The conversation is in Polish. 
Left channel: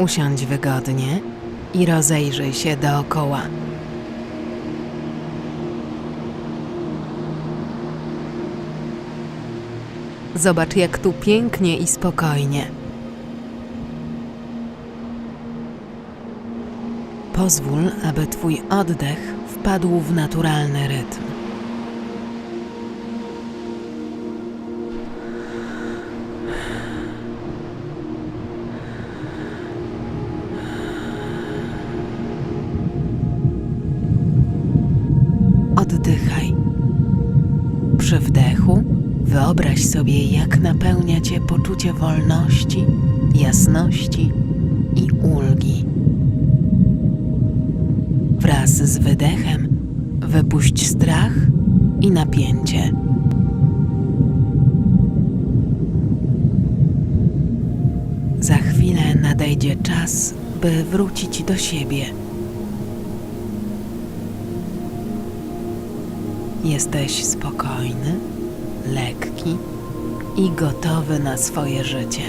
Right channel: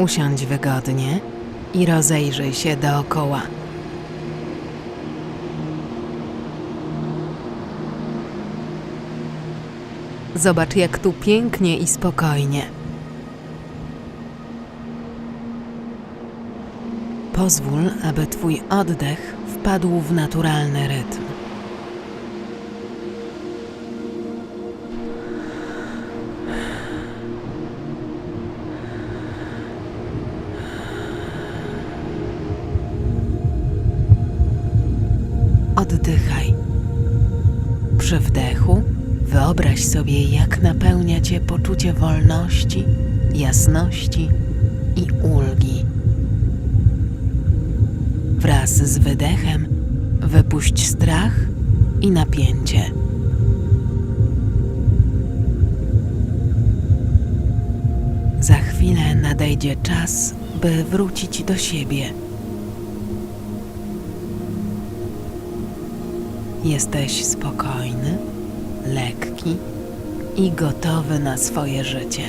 Usiądź wygodnie i rozejrzyj się dookoła. Zobacz, jak tu pięknie i spokojnie. Pozwól, aby Twój oddech wpadł w naturalny rytm. Oddychaj. Przy wdechu wyobraź sobie, jak napełnia cię poczucie wolności, jasności i ulgi. Wraz z wydechem wypuść strach i napięcie. Za chwilę nadejdzie czas, by wrócić do siebie. Jesteś spokojny, lekki i gotowy na swoje życie.